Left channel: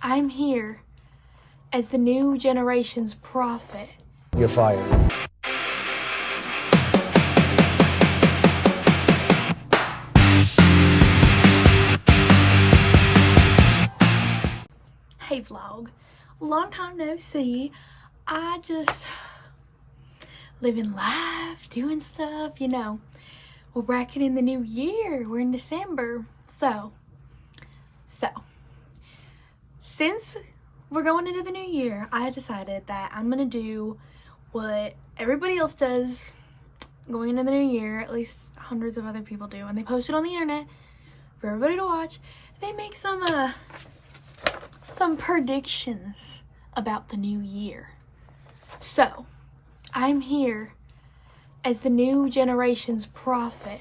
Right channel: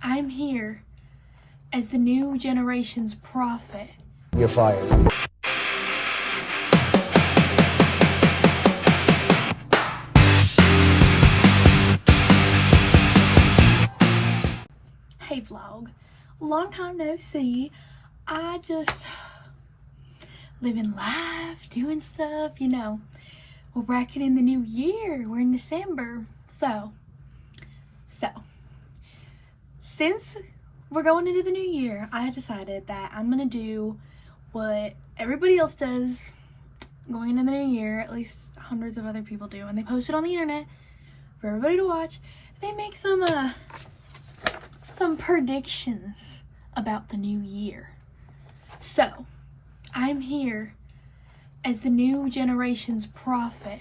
I'm here as the new generation's prophet. You're fired. Hey vlog, long time no see. I just living life, doing stuff, you know. We're bracket in the new year. We're in December. So since we're going into the new year, I decided that I'm gonna do what everybody else does going into the new year, at least hundreds of other people do, and they post it on the internet for everybody to watch. They make some predictions about the new year. So I'm here as the new generation's prophet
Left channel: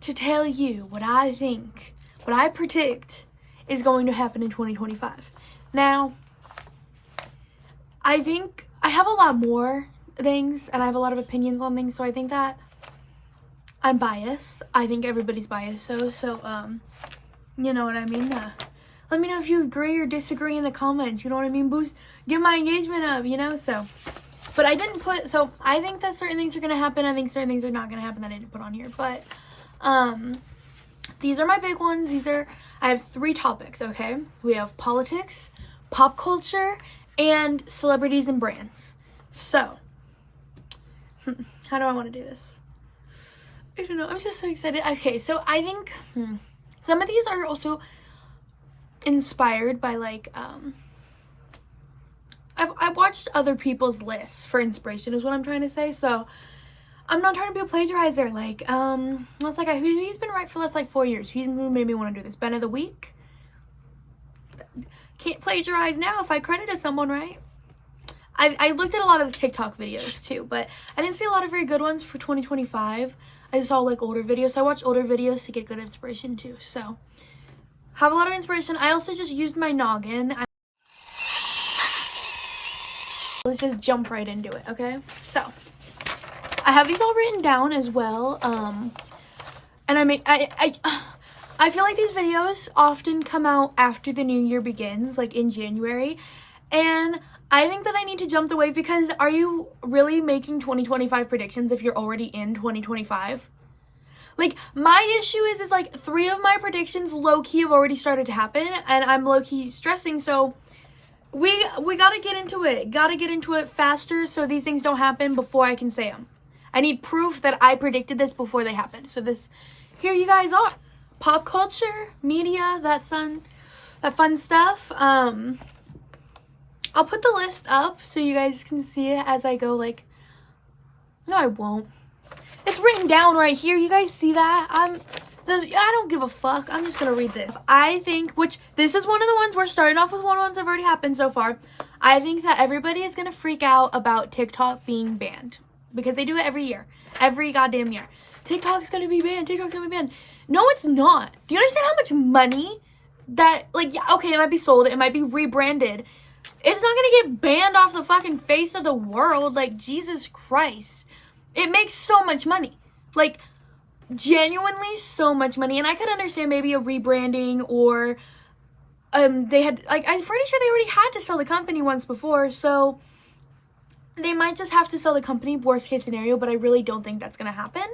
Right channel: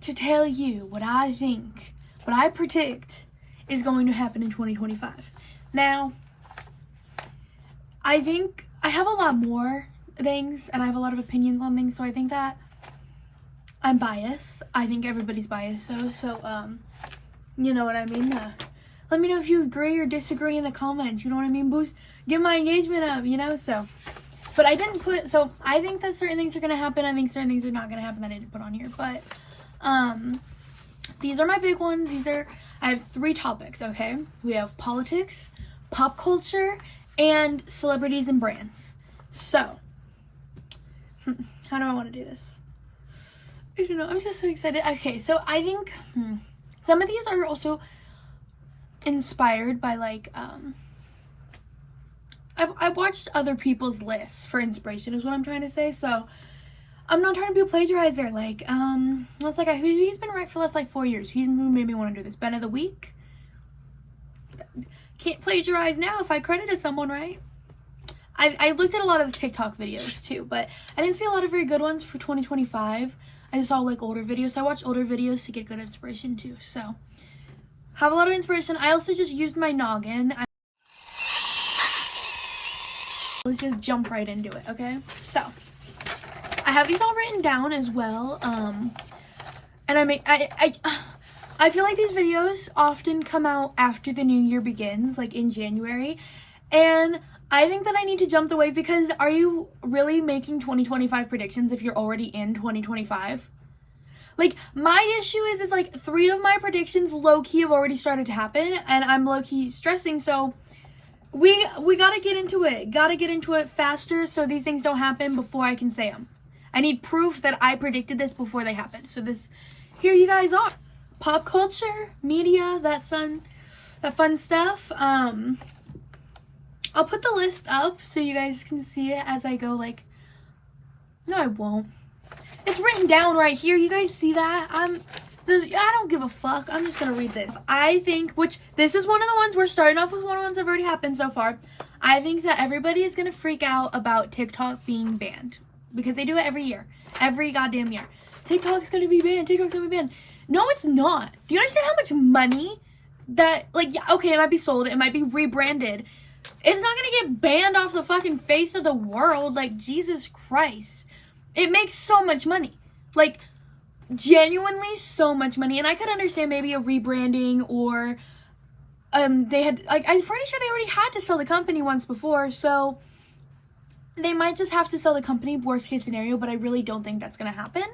to tell you what I think, what I predict is going to happen in 2025. Now, I think I have a lot more things and I have a lot of opinions on things, so I think that I'm biased. I think everybody's biased, so you know what I mean? Let me know if you agree or disagree in the comments, you know what I mean? Get my engagement up, you know? But I didn't put, so I think that certain things are going to happen. I think certain things are not going to happen that I didn't put on here. But these are my big ones. I have 3 topics, okay? We have politics, pop culture, and celebrities and brands. So, how do I want to do this? I don't know. I'm just so excited. Okay, so I think some of these are also inspired by, like, I've watched other people's lists for inspiration is what I'm trying to say. So I'm not trying to be a plagiarizer. Like, it's like he's been right for less like 4 years. He's made me want to do this. Ben of the week. Can't plagiarize now if I credited someone, right? I looked at a lot of the TikTok videos too, but I didn't see a lot of very good ones for 2025. I just saw like older videos. So I watched older videos to get good inspiration too. So have a lot of inspiration. I also just used my noggin. Let's just jump right into it, okay? So I have these all written down as well. And I feel like these videos often come out after the new year begins, like in January. And I think that I need to jump the wave because are you really making 2025 predictions if you're already in 2025? Like, my issue is like 3 of my predictions low-key have already started to happen and I'm low-key stressing, so we gotta get into it. Gotta get into it faster so these things don't happen before I can say them. I need proof that I predicted this before they happened. So here you guys are. Pop culture, media, that fun stuff. I'll put the list up so you guys can see it as I go, like, no, I won't. It's written down right here. You guys see that? I don't give a fuck. I'm just gonna read this. I think, which this is one of the ones we're starting off with, one of the ones that have already happened so far. I think that everybody is gonna freak out about TikTok being banned because they do it every year, every goddamn year. TikTok's gonna be banned. TikTok's gonna be banned. No, it's not. Do you understand how much money that, like, yeah, okay, it might be sold, it might be rebranded. It's not gonna get banned off the fucking face of the world. Like, Jesus Christ. It makes so much money. Like, genuinely so much money. And I could understand maybe a rebranding or they had, like, I'm pretty sure they already had to sell the company once before, so they might just have to sell the company, worst case scenario, but I really don't think that's gonna happen.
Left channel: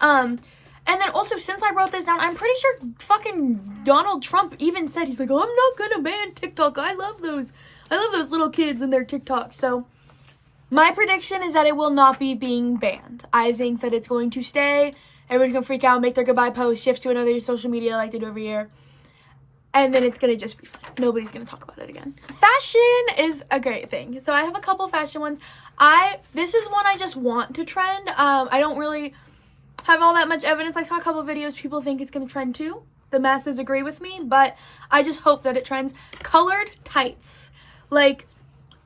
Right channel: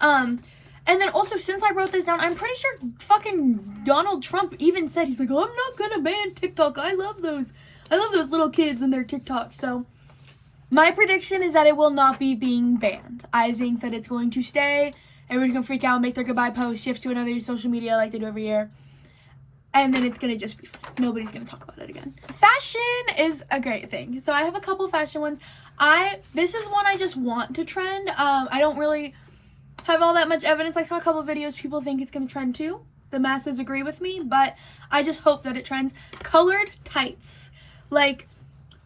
And then also, since I wrote this down, I'm pretty sure fucking Donald Trump even said, he's like, oh, I'm not gonna ban TikTok. I love those little kids and their TikTok. So my prediction is that it will not be being banned. I think that it's going to stay. Everybody's gonna freak out, make their goodbye post, shift to another social media like they do every year. And then it's gonna just be fine. Nobody's gonna talk about it again. Fashion is a great thing. So I have a couple fashion ones. This is one I just want to trend. I don't really have all that much evidence. I saw a couple videos. People think it's gonna trend too. The masses agree with me, but I just hope that it trends. Colored tights. Like,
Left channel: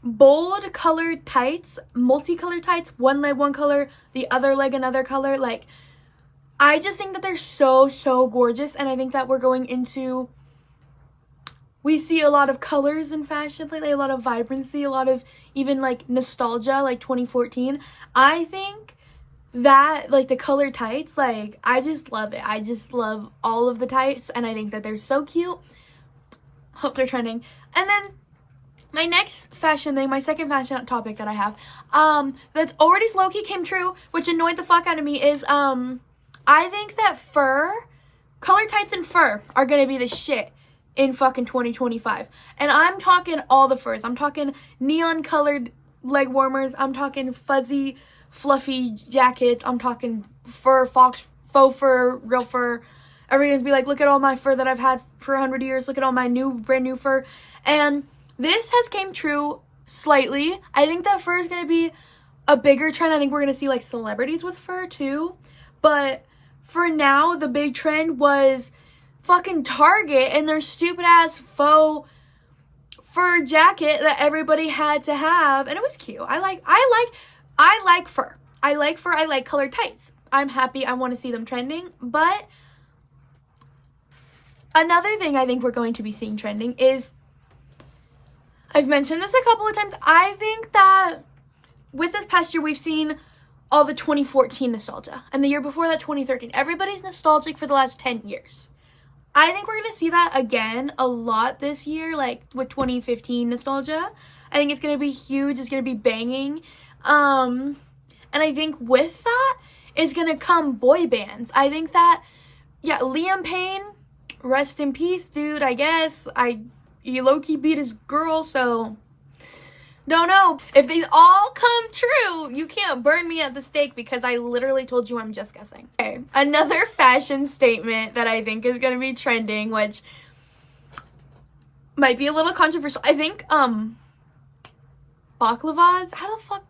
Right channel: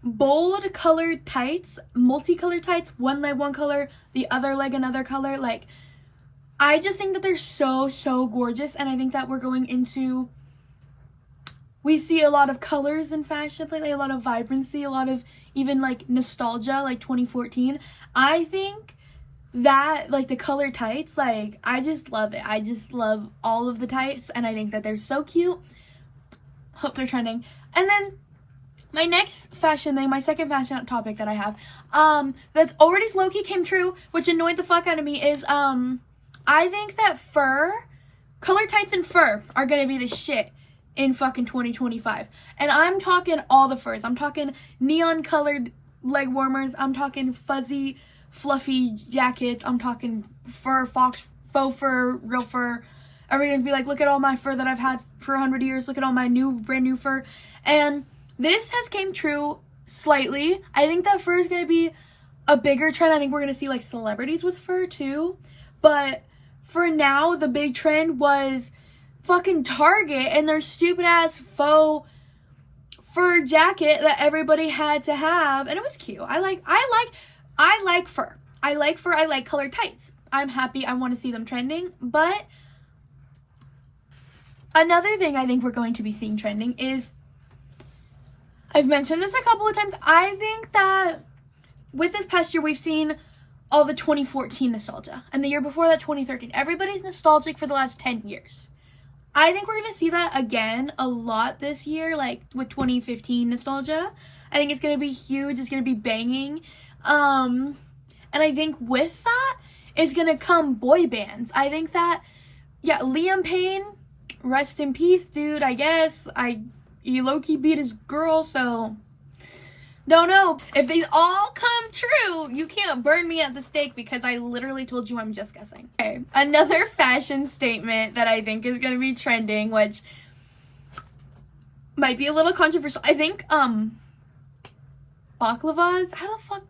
bold colored tights, multicolored tights, one leg one color, the other leg another color. Like, I just think that they're so gorgeous, and I think that we're going into, we see a lot of colors in fashion lately, a lot of vibrancy, a lot of even like nostalgia, like 2014. I think that, like, the colored tights, like, I just love it. I just love all of the tights, and I think that they're so cute. Hope they're trending. And then my next fashion thing, my second fashion topic that I have, that's already low-key came true, which annoyed the fuck out of me, is, I think that color tights and fur are gonna be the shit in fucking 2025. And I'm talking all the furs. I'm talking neon colored leg warmers. I'm talking fuzzy, fluffy jackets. I'm talking fur, faux fur, real fur. Everyone's be like, look at all my fur that I've had for 100 years. Look at all my brand new fur. And this has came true slightly. I think that fur is going to be a bigger trend. I think we're going to see like celebrities with fur too. But for now, the big trend was fucking Target and their stupid ass faux fur jacket that everybody had to have. And it was cute. I like fur. I like fur. I like colored tights. I'm happy. I want to see them trending. But another thing I think we're going to be seeing trending is, I've mentioned this a couple of times, I think that with this past year, we've seen all the 2014 nostalgia. And the year before that, 2013. Everybody's nostalgic for the last 10 years. I think we're going to see that again a lot this year, like with 2015 nostalgia. I think it's going to be huge. It's going to be banging. And I think with that is going to come boy bands. I think that, yeah, Liam Payne, rest in peace, dude, I guess. He low-key beat his girl, so don't know. If these all come true, you can't burn me at the stake because I literally told you I'm just guessing. Okay, another fashion statement that I think is going to be trending, which might be a little controversial. I think, baklavas? How the fuck?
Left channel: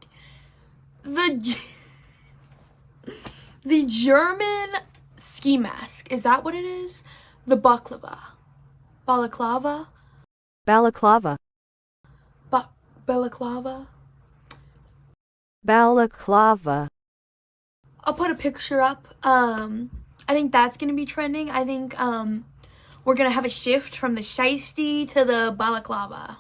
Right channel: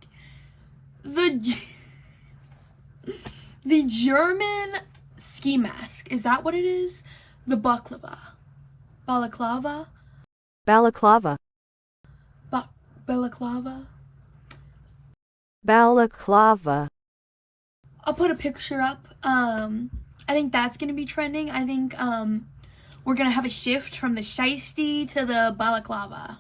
The German ski mask. Is that what it is? The baklava. Balaclava? Balaclava. Balaclava? Balaclava. I'll put a picture up. I think that's gonna be trending. I think we're gonna have a shift from the shiesty to the balaclava.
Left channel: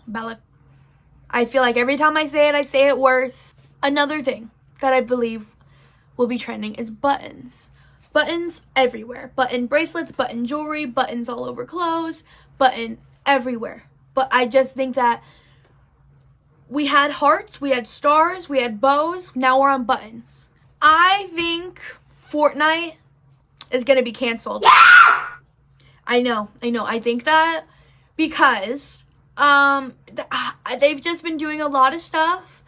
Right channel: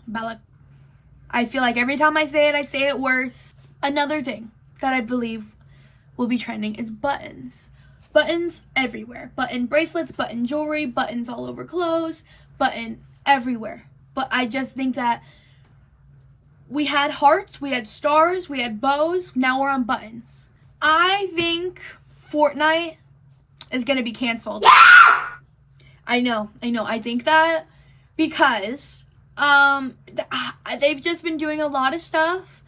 I feel like every time I say it worse. Another thing that I believe will be trending is buttons. Buttons everywhere. Button bracelets, button jewelry, buttons all over clothes, button everywhere. But I just think that we had hearts, we had stars, we had bows, now we're on buttons. I think Fortnite is going to be canceled. I know. I think that because they've just been doing a lot of stuff.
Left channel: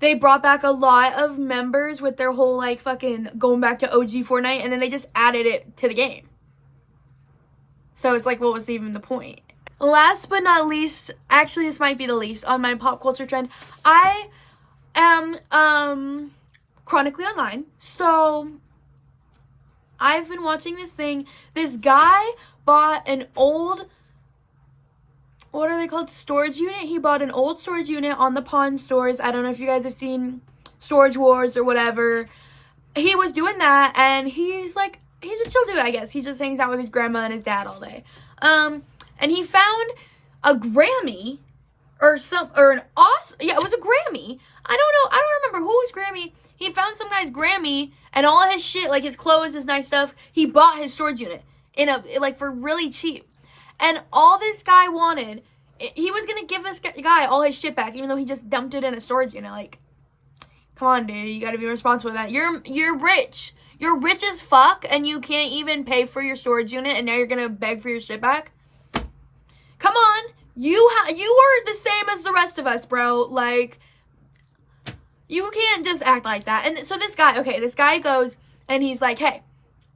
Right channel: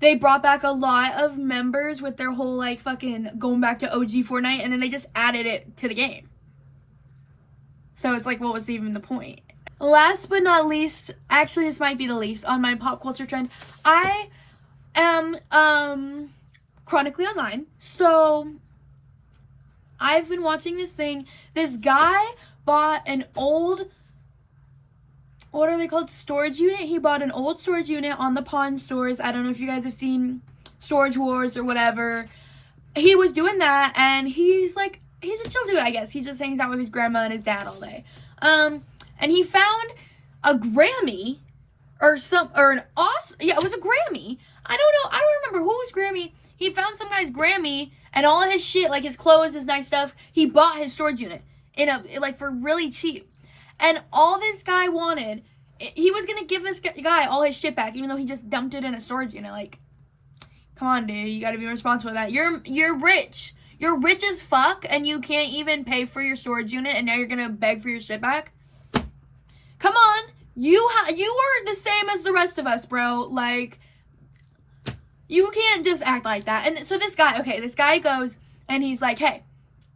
They brought back a lot of members with their whole like fucking going back to OG Fortnite, and then they just added it to the game. So it's like, what was even the point? Last but not least, actually this might be the least on my pop culture trend. I am chronically online. So I've been watching this thing. This guy bought an old, what are they called? Storage unit. He bought an old storage unit on the pawn stores. I don't know if you guys have seen Storage Wars or whatever. He was doing that, and he's a chill dude, I guess. He just hangs out with his grandma and his dad all day. And he found a Grammy it was a Grammy. I don't remember whose Grammy. He found some guy's Grammy and all his shit, like his clothes, his nice stuff. He bought his storage unit for really cheap. And all this guy wanted, he was gonna give this guy all his shit back, even though he just dumped it in a storage unit. Like, come on, dude, you gotta be responsible for that. You're rich. You're rich as fuck, and you can't even pay for your storage unit, and now you're gonna beg for your shit back? Come on, you are the same as the rest of us, bro. Like, you can't just act like that. And so this guy goes, and he's like, hey,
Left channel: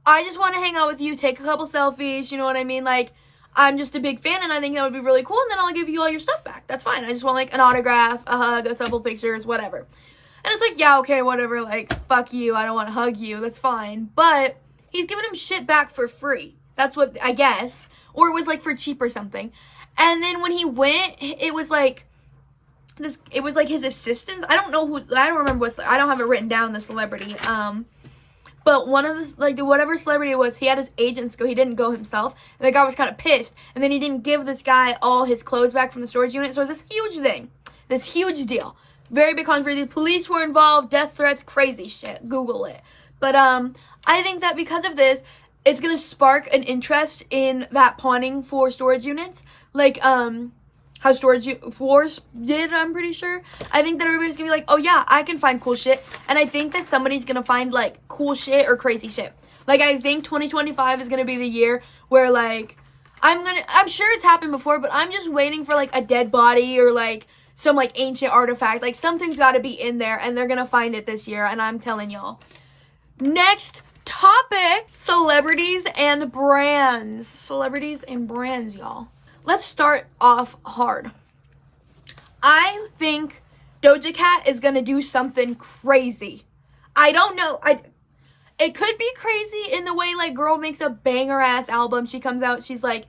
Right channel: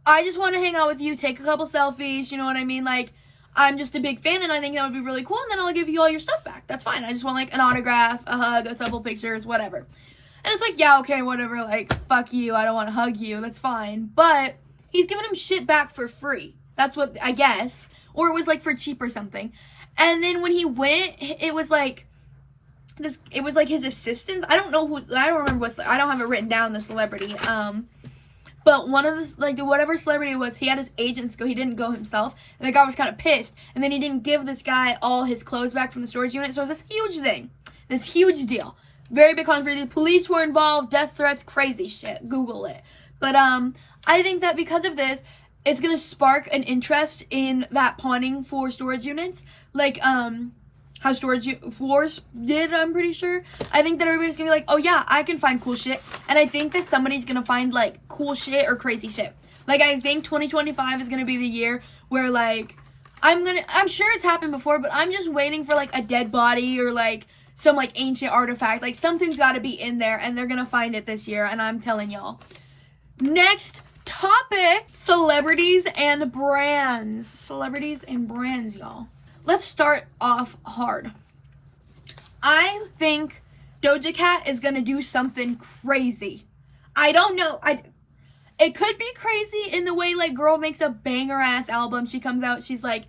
I just want to hang out with you, take a couple selfies, you know what I mean? Like, I'm just a big fan, and I think that would be really cool, and then I'll give you all your stuff back. That's fine. I just want, like, an autograph, a hug, a couple pictures, whatever. And it's like, yeah, okay, whatever, like, fuck you, I don't want to hug you, that's fine. But he's giving him shit back for free. That's what, I guess. Or it was, like, for cheap or something. And then when he went, it was like his assistants. I don't remember I don't have it written down, the celebrity. But one of the, whatever celebrity it was, he had his agents go. He didn't go himself. And the guy was kind of pissed. And then he didn't give this guy all his clothes back from the storage unit. So it was this huge thing. This huge deal. Very big controversy. Police were involved. Death threats. Crazy shit. Google it. But I think that because of this, it's gonna spark an interest in that pawning for storage units, like how Storage Wars did, I'm pretty sure. I think that everybody's gonna be like, oh yeah, I can find cool shit. And I think that somebody's gonna find like cool shit or crazy shit. Like, I think 2025 is gonna be the year where like, I'm sure it's happened before, but I'm just waiting for like a dead body or like some like ancient artifact. Like, something's gotta be in there and they're gonna find it this year, and I'm telling y'all. Next topic, celebrities and brands. Celebrities and brands, y'all. Let's start off hard. I think Doja Cat is gonna do something crazy. I don't know. It could be crazy in the way like girl makes a banger ass album. She comes out, she's like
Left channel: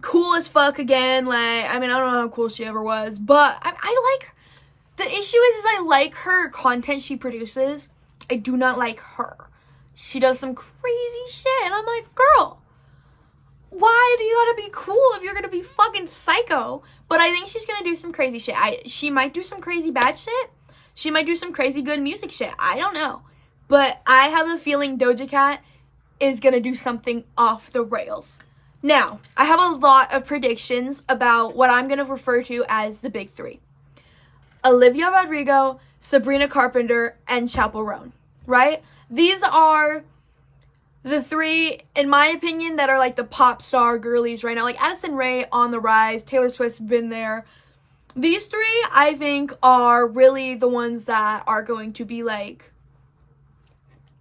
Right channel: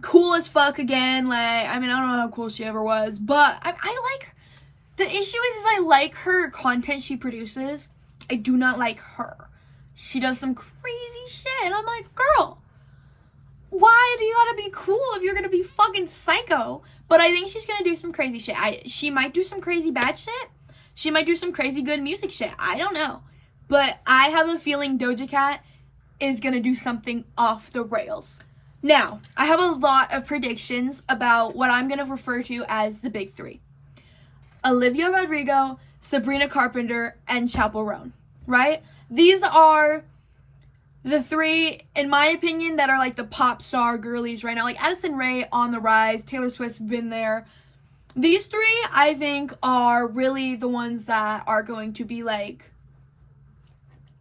cool as fuck again. Like, I mean, I don't know how cool she ever was, but I like. The issue is I like her content she produces. I do not like her. She does some crazy shit, and I'm like, girl, why do you gotta be cool if you're gonna be fucking psycho? But I think she's gonna do some crazy shit. She might do some crazy bad shit. She might do some crazy good music shit. I don't know. But I have a feeling Doja Cat is gonna do something off the rails. Now, I have a lot of predictions about what I'm gonna refer to as the big three. Olivia Rodrigo, Sabrina Carpenter, and Chappell Roan, right? These are the three, in my opinion, that are like the pop star girlies right now. Like Addison Rae on the rise, Taylor Swift's been there. These three, I think, are really the ones that are going to be like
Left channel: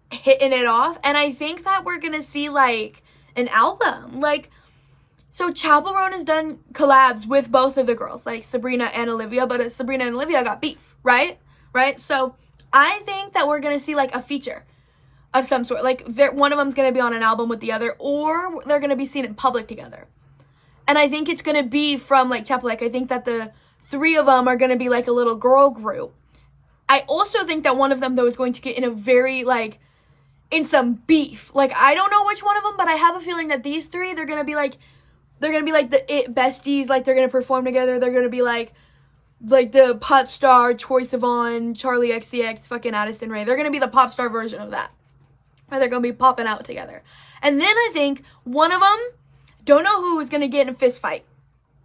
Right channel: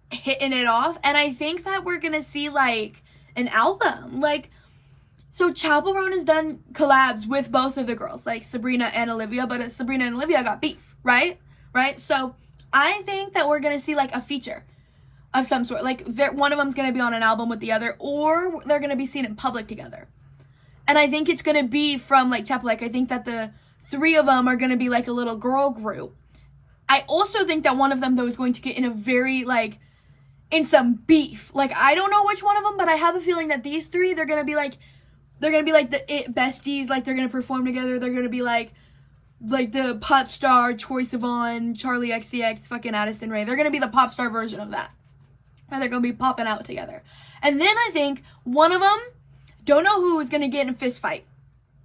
hitting it off. And I think that we're gonna see like an album. Like, so Chappell Roan has done collabs with both of the girls, like Sabrina and Olivia, but Sabrina and Olivia got beef, right? So I think that we're gonna see like a feature of some sort. Like, one of them's gonna be on an album with the other, or they're gonna be seen in public together. And I think it's gonna be from like Chappell. Like, I think that the three of them are gonna be like a little girl group. I also think that one of them though is going to get in a very like in some beef. Like, I don't know which one of them, but I have a feeling that these three, they're gonna be like the it besties. Like, they're gonna perform together. They're gonna be like the pop star Troye Sivan, Charlie XCX, fucking Addison Rae. They're gonna be the pop star version of that. And they're gonna be popping out together. And then I think one of them, don't know who, is gonna get in a fist fight.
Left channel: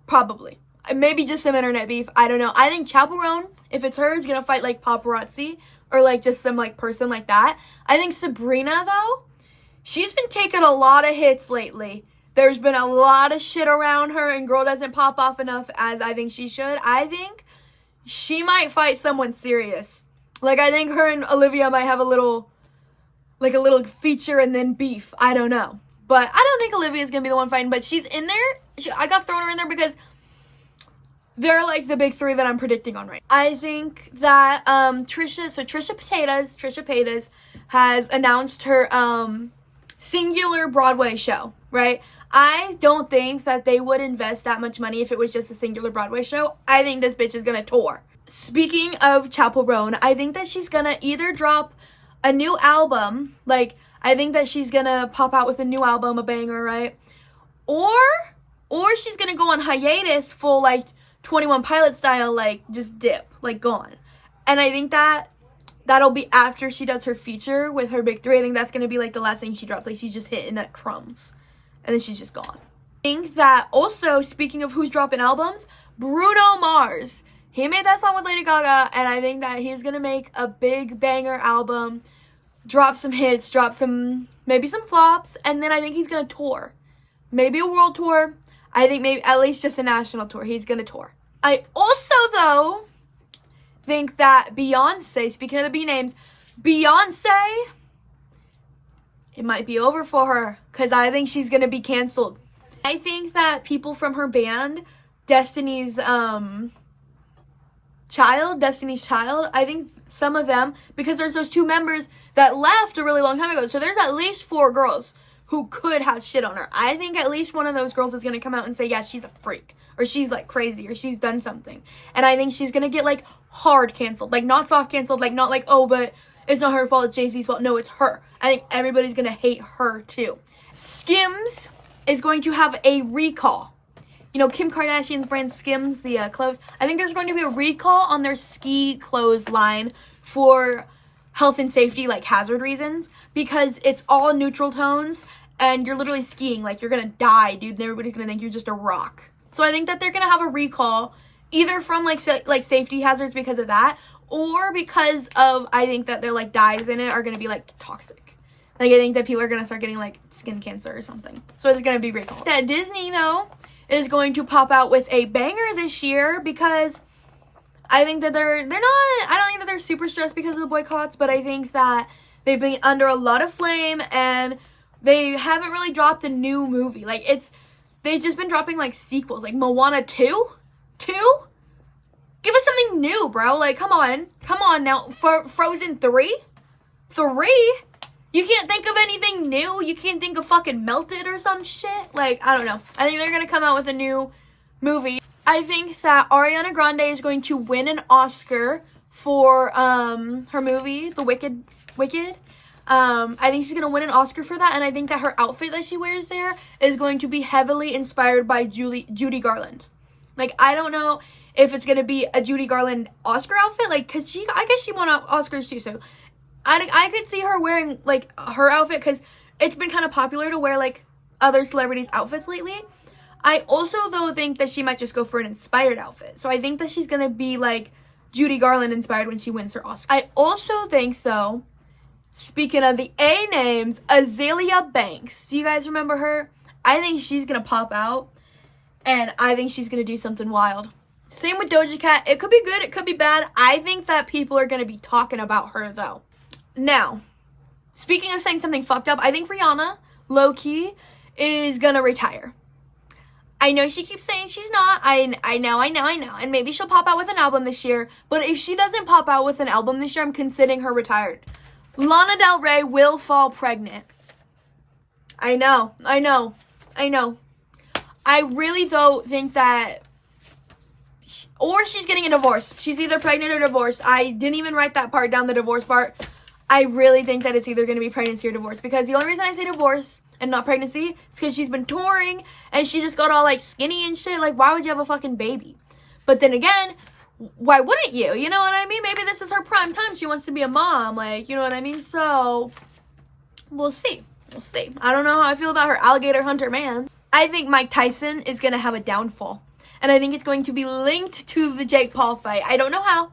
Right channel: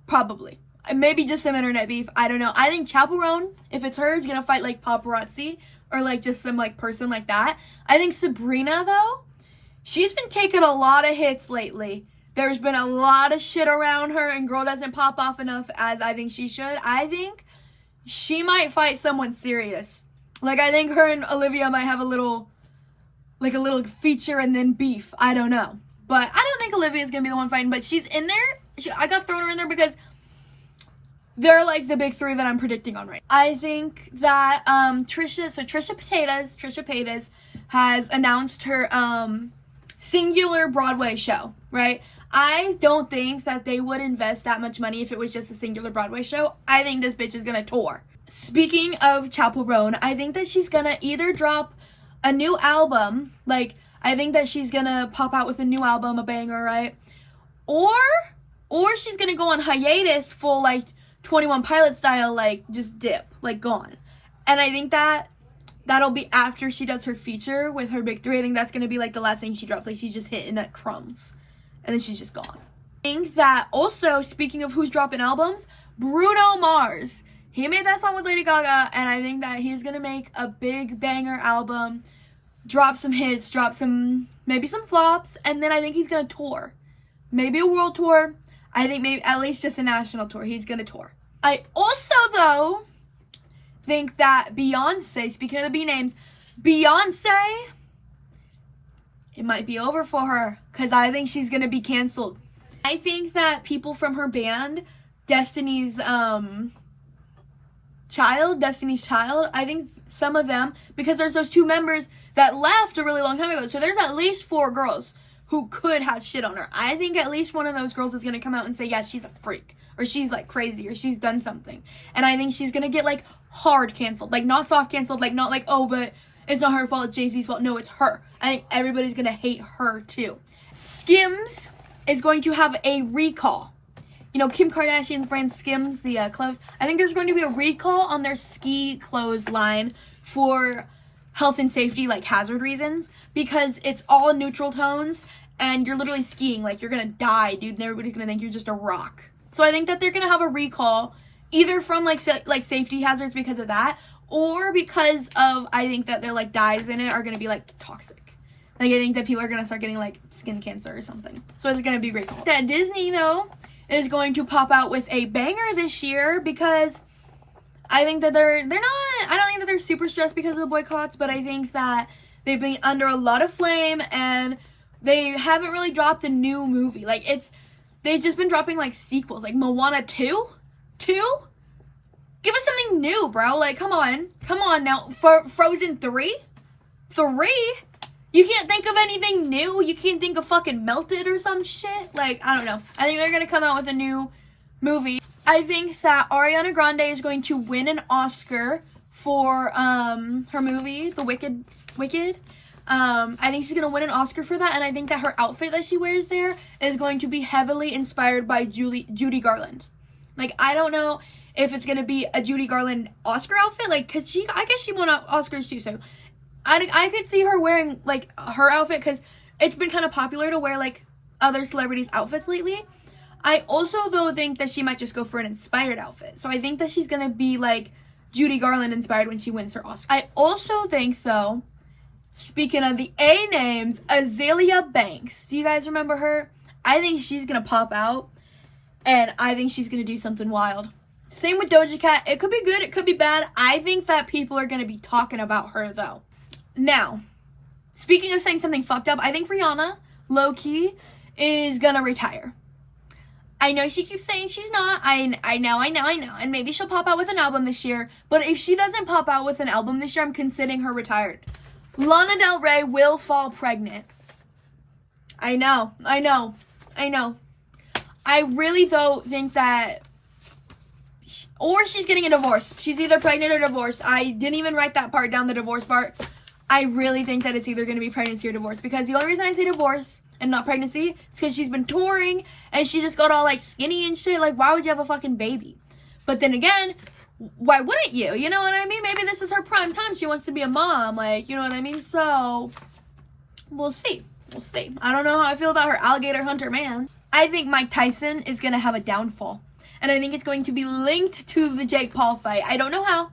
Probably. Maybe just some internet beef. I don't know. I think Chappell Roan, if it's her, is gonna fight like paparazzi or like just some like person like that. I think Sabrina though, she's been taking a lot of hits lately. There's been a lot of shit around her, and girl doesn't pop off enough as I think she should. I think she might fight someone serious. Like, I think her and Olivia might have a little feature and then beef. I don't know. But I don't think Olivia's gonna be the one fighting, but she's in there. I got thrown her in there because they're like the big three that I'm predicting on right now. I think that Trisha Paytas has announced her singular Broadway show, right? I don't think that they would invest that much money if it was just a singular Broadway show. I think this bitch is gonna tour. Speaking of Chappell Roan, I think that she's gonna either drop a new album, like, I think that she's gonna pop out with a new album, a banger, right? Or she's gonna go on hiatus, full, like, 21 Pilot style, like, just dip, like, gone. And I think that'll be after she does her feature with her big three. I think that's gonna be, like, the last thing she drops. Like, she's just hitting at crumbs. And then she's just gone. I think that also, speaking of who's dropping albums, Bruno Mars. He made that song with Lady Gaga, and I think that he's gonna make a big banger album, drop some hits, maybe some flops, and then I think he's gonna tour. Maybe a world tour. I think maybe at least just a national tour. He's gonna tour. I also, though, think that Beyonce, speaking of the B names, Beyonce, it might be over for her, because I think she's gonna be canceled. I think that people from her band, Destiny's Child, I think some of them, because there's those two members that left a really long time ago, so there's at least 4 girls who could have shit on her. I think at least one of those girls is gonna come out and say, yeah, she's a freak, or she's like crazy, or she's done something. And I think she's gonna get like hard canceled, like not soft canceled, like not like, oh, but it's not her fault, it's Jay-Z's fault. No, it's her. I think everybody's gonna hate her too. Skims is going to have a recall. You know, Kim Kardashian's brand Skims, the clothes. I think there's going to be a recall on their ski clothes line for health and safety, like hazard reasons, because it's all neutral tones, and you're literally skiing. Like, you're gonna die, dude, and everybody's gonna think you're just a rock. So I think that they're gonna have a recall, either from like safety hazards because of that, or because of, I think that their like dyes in it are gonna be like toxic. Like, I think that people are gonna start getting like skin cancer or something. So it's gonna be recalled. That Disney though is going to pop out with a banger this year, because I think that I don't think that they're super stressed because of the boycotts, but I think that they've been under a lot of flame and they haven't really dropped a new movie. Like, they've just been dropping like sequels, like Moana 2? Give us something new, bro. Like, come on now. Frozen 3? You can't think of anything new? You can't think of fucking Melted or some shit? Like, I don't know. I think they're gonna come out with a new movie. I think that Ariana Grande is going to win an Oscar for her movie, The Wicked. I think she's gonna win an Oscar for that, and I think that her outfit that she wears there is going to be heavily inspired by Judy Garland. Like, I don't know if it's gonna be a Judy Garland Oscar outfit, like, cause I guess she won Oscars too, so I could see her wearing like her outfit, because it's been kind of popular to wear like other celebrities' outfits lately. I also though think that she might just go for an inspired outfit, so I think that she's gonna be like Judy Garland inspired when she wins her Oscar. I also think though, speaking of the A names, Azalea Banks, do you guys remember her? I think she's gonna pop out, and I think she's gonna do something wild. Same with Doja Cat. It could be good, it could be bad. I think that people are gonna be talking about her though. Now, speaking of saying something fucked up, I think Rihanna, low-key, is gonna retire. I know she keeps saying she's not. I know. And maybe she'll pop out with an album this year. But if she doesn't pop out with an album this year, I'm considering her retired. Lana Del Rey will fall pregnant. I know. I really, though, think that... Or she's getting a divorce. She's either pregnant or divorced. I didn't even write that part down, the divorce part. I really think that it's either going to be pregnancy or divorce. Because the only reason I say divorce and not pregnancy is because she's been touring and she just got all like skinny and shit. Like, why would you have a fucking baby? But then again, why wouldn't you? You know what I mean? Maybe this is her prime time. She wants to be a mom. Like, you know what I mean? So, we'll see. I don't know how I feel about her alligator hunter man. I think Mike Tyson is going to have a downfall. And I think it's going to be linked to the Jake Paul fight. I don't know how.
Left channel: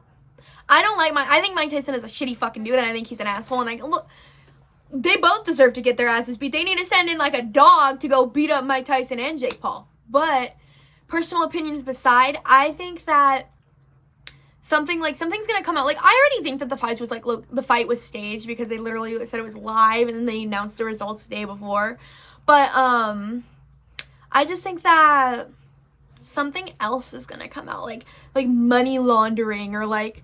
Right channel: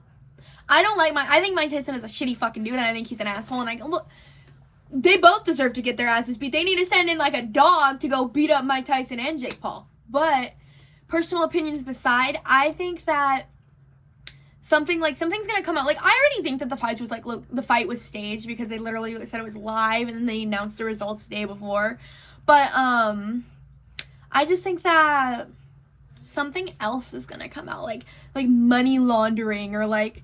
I think Mike Tyson is a shitty fucking dude, and I think he's an asshole. And look, they both deserve to get their asses beat. They need to send in like a dog to go beat up Mike Tyson and Jake Paul. But personal opinions beside, I think that something's gonna come out. Like, I already think that the fight was staged, because they literally said it was live and then they announced the results the day before. But I just think that something else is gonna come out, like money laundering, or like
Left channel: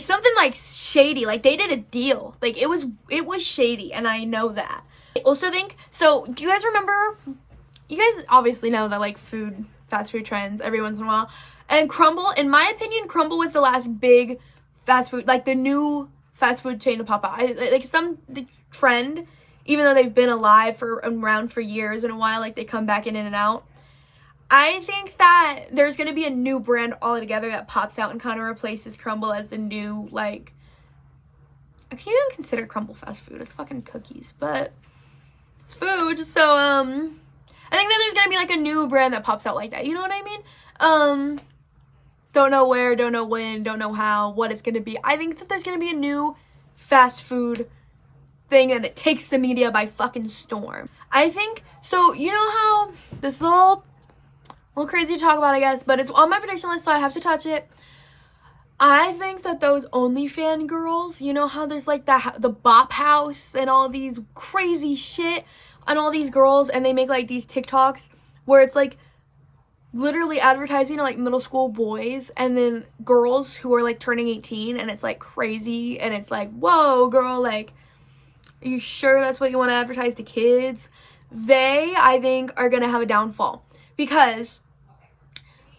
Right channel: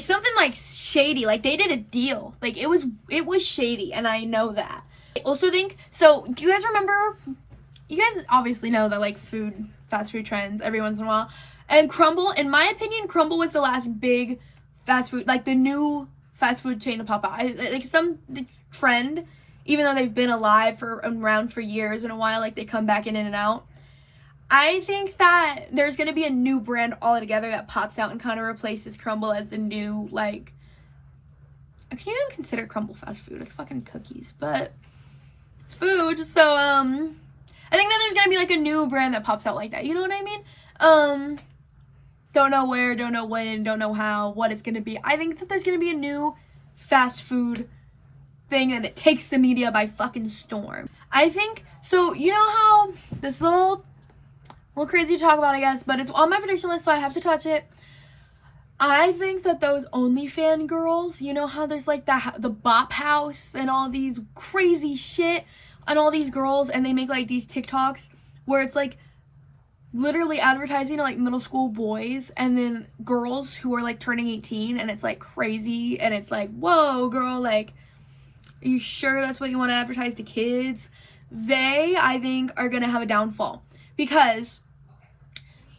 something like shady. Like, they did a deal. Like, it was shady, and I know that. I also think, so do you guys remember, you guys obviously know that like fast food trends every once in a while, and Crumble, in my opinion, Crumble was the last big fast food, like the new fast food chain to pop out. The trend, even though they've been around for years and a while, like they come back in and out. I think that there's going to be a new brand altogether that pops out and kind of replaces Crumble as the new, like, I can't even consider Crumble fast food. It's fucking cookies, but it's food. So, I think that there's going to be, like, a new brand that pops out like that. You know what I mean? Don't know where, don't know when, don't know how, what it's going to be. I think that there's going to be a new fast food thing, and it takes the media by fucking storm. I think, so, you know how this is a little crazy to talk about, I guess, but it's on my prediction list, so I have to touch it. I think that those OnlyFans girls, you know how there's like the Bop House and all these crazy shit, and all these girls, and they make like these TikToks where it's like literally advertising to like middle school boys, and then girls who are like turning 18, and it's like crazy, and it's like, whoa girl, like, are you sure that's what you want to advertise to kids? They, I think, are gonna have a downfall, because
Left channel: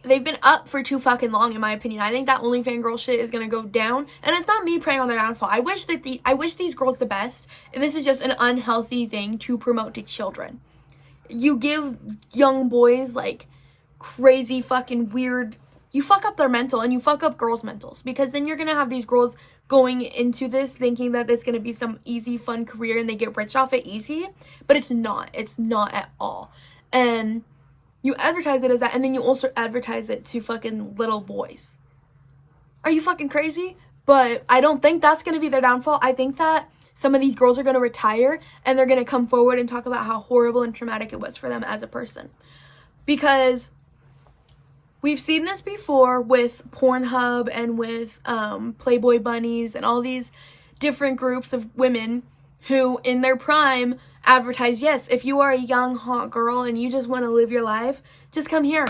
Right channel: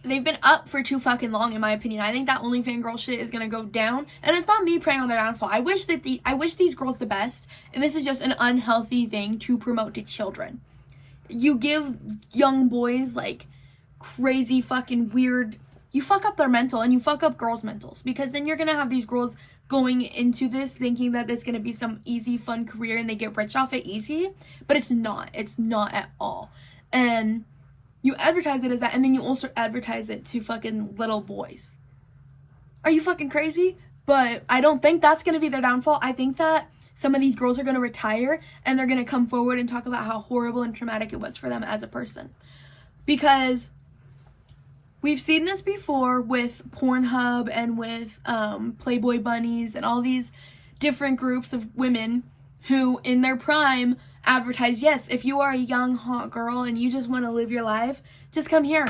they've been up for too fucking long, in my opinion. I think that OnlyFans girl shit is gonna go down, and it's not me preying on their downfall. I wish these girls the best, and this is just an unhealthy thing to promote to children. You give young boys like crazy fucking weird, you fuck up their mental, and you fuck up girls' mentals, because then you're gonna have these girls going into this thinking that it's going to be some easy, fun career and they get rich off it easy. But it's not. It's not at all. And you advertise it as that, and then you also advertise it to fucking little boys. Are you fucking crazy? But I don't think that's going to be their downfall. I think that some of these girls are going to retire and they're going to come forward and talk about how horrible and traumatic it was for them as a person. Because we've seen this before with Pornhub and with Playboy Bunnies and all these different groups of women who in their prime advertise, yes, if you are a young, hot girl and you just want to live your life, just come here.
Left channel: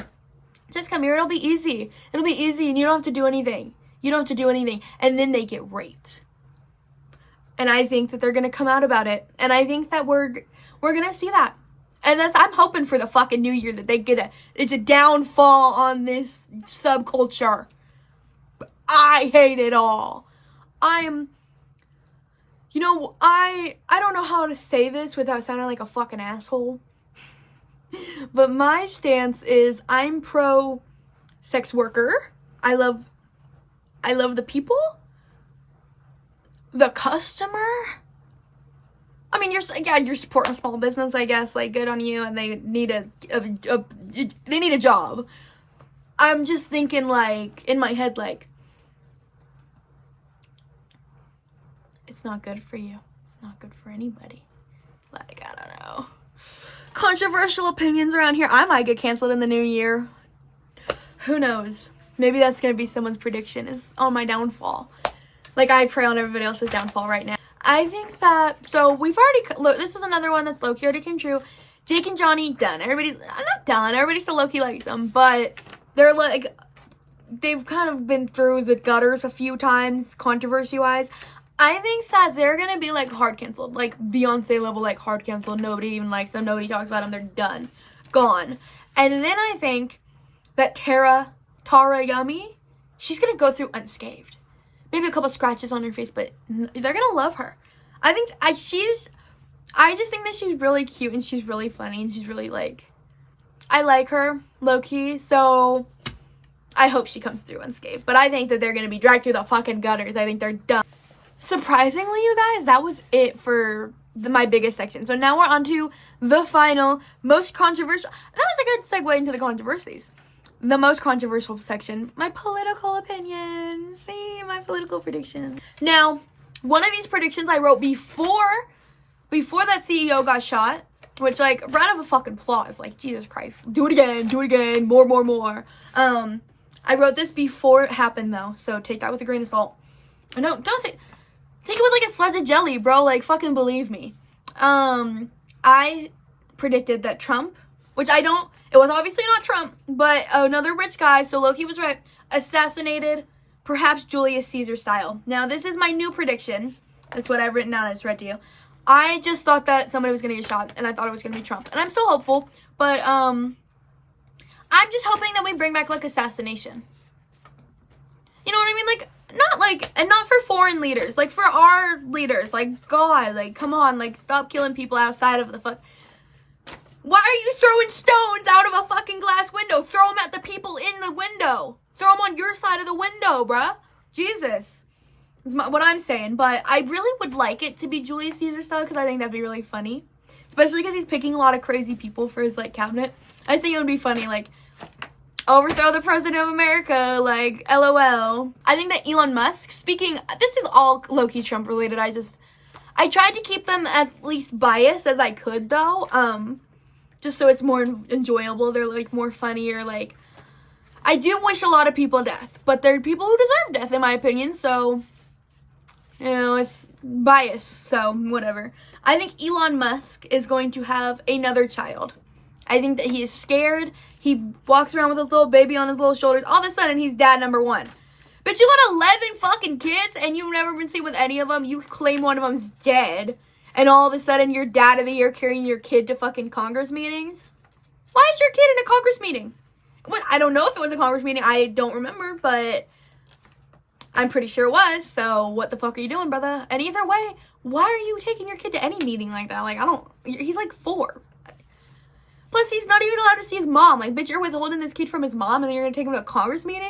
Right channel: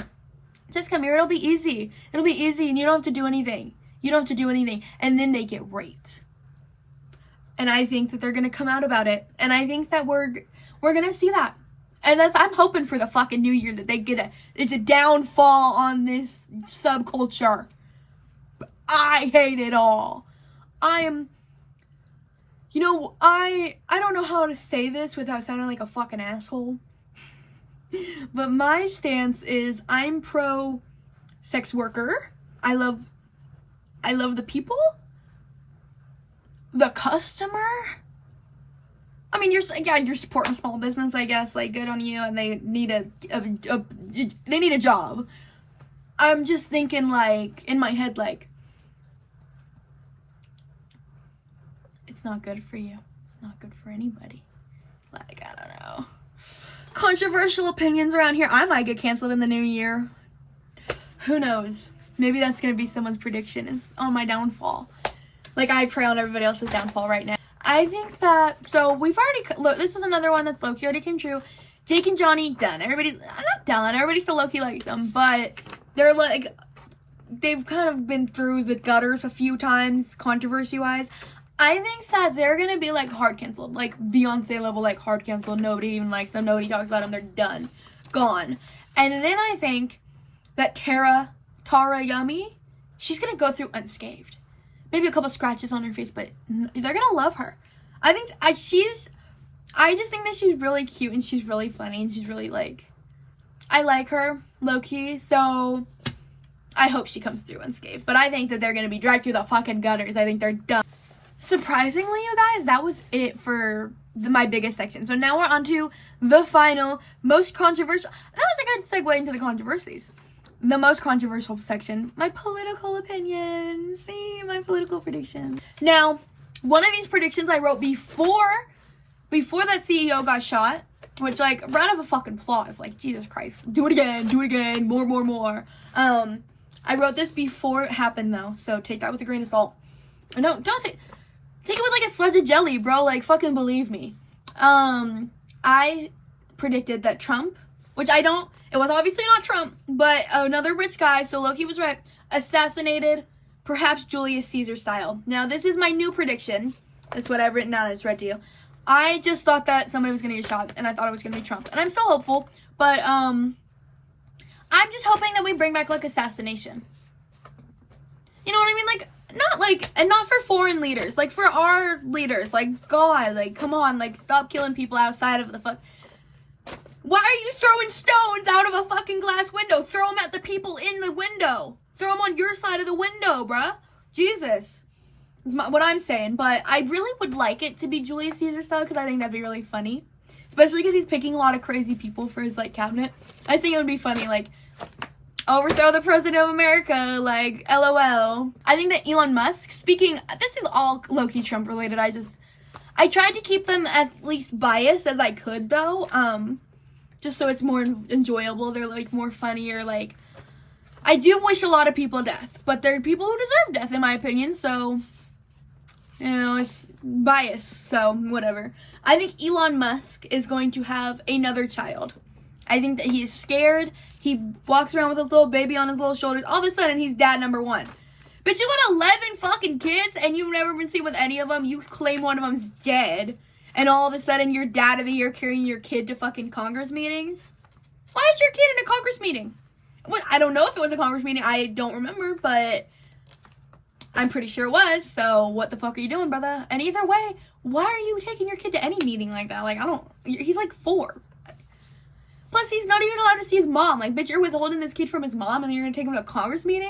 Just come here. It'll be easy. It'll be easy and you don't have to do anything. You don't have to do anything. And then they get raped. And I think that they're going to come out about it. And I think that we're going to see that. And I'm hoping for the fucking new year that they get it's a downfall on this subculture. I hate it all. I don't know how to say this without sounding like a fucking asshole. But my stance is I'm pro sex worker. I love the people. The customer. I mean, you're supporting small business, I guess. Like, good on you, and they need a job. I'm just thinking, like, in my head, like, it's not good for you. It's not good for anybody. Like, I don't know. Controversial opinions around here. I might get canceled in the new year. Who knows? Maybe that's gonna be someone's prediction is on my downfall. Like, I pray on everybody else's downfall right now. I think that, so we've already, look, this is another one that's low-key already came true. Jake and Johnny, done. Everybody's, not done, everybody still low-key likes them, but they're like, they've kind of been through the gutters a few times, controversy-wise. I think that they're gonna be, like, hard canceled, like, Beyonce level, like, hard canceled. Nobody even likes them, nobody talks about them, they're done. Gone. And then I think that Tara Yummy, she's gonna go through unscathed. Maybe a couple scratches on her face, but they're gonna love her. I just think that she's really cute and she's really funny and she's really, like, I like her, low-key, so I hope she comes through unscathed. But I think that they're gonna be dragged through the fucking gutters. I think they're done. Surprisingly, you guys, that was it for my biggest section. So now we're on to the final, most controversial. That was a good segue into the controversies. The most controversial section, my political opinions. See, my political predictions. Now, one of these predictions I wrote before that CEO got shot, which, like, round of a fucking applause. Like, Jesus Christ. Do it again, more. I wrote this before it happened, though, so take that with a grain of salt. No, don't take it with, like, a sledge of jelly, bro. Like, fucking believe me. I predicted that Trump, which I don't, it was obviously not Trump, but another rich guy, so Loki was right, assassinated, perhaps Julius Caesar style. Now, this is my new prediction. That's what I've written down. I just read to you. I just thought that somebody was going to get shot, and I thought it was going to be Trump. And I'm still hopeful, but I'm just hoping that we bring back, like, assassination. You know what I mean? Like, not, like, and not for foreign leaders. Like, for our leaders. Like, God, like, come on. Like, stop killing people outside of the fuck. Why are you throwing stones out of a fucking glass window? Throw them at the people in the window. Throw them on your side of the window, bruh. Jesus. Is what I'm saying. But I really would like it to be Julius Caesar style because I think that'd be really funny. Especially because he's picking a lot of crazy people for his, like, cabinet. I think it would be funny, like, overthrow the president of America, like, LOL. I think that Elon Musk, this is all low-key Trump related. I tried to keep them as least biased as I could, though. Just so it's more enjoyable. They're, like, more funny or, like, I do wish a lot of people death, but there are people who deserve death, in my opinion, so, you know, it's biased, so, whatever. I think Elon Musk is going to have another child. I think that he is scared. He walks around with his little baby on his little shoulders. All of a sudden, he's dad number one. But you got 11 fucking kids, and you've never been seen with any of them. You claim one of them's dead. And all of a sudden, you're dad of the year carrying your kid to fucking Congress meetings? Why is your kid in a Congress meeting? Well, I don't know if it was a Congress meeting. I don't remember, but I'm pretty sure it was. So what the fuck are you doing, brother? And either way, why are you taking your kid to any meeting like that? Like, he's like 4. Plus, he's not even allowed to see his mom. Like, bitch, you're withholding this kid from his mom and then you're gonna take him to a Congress meeting?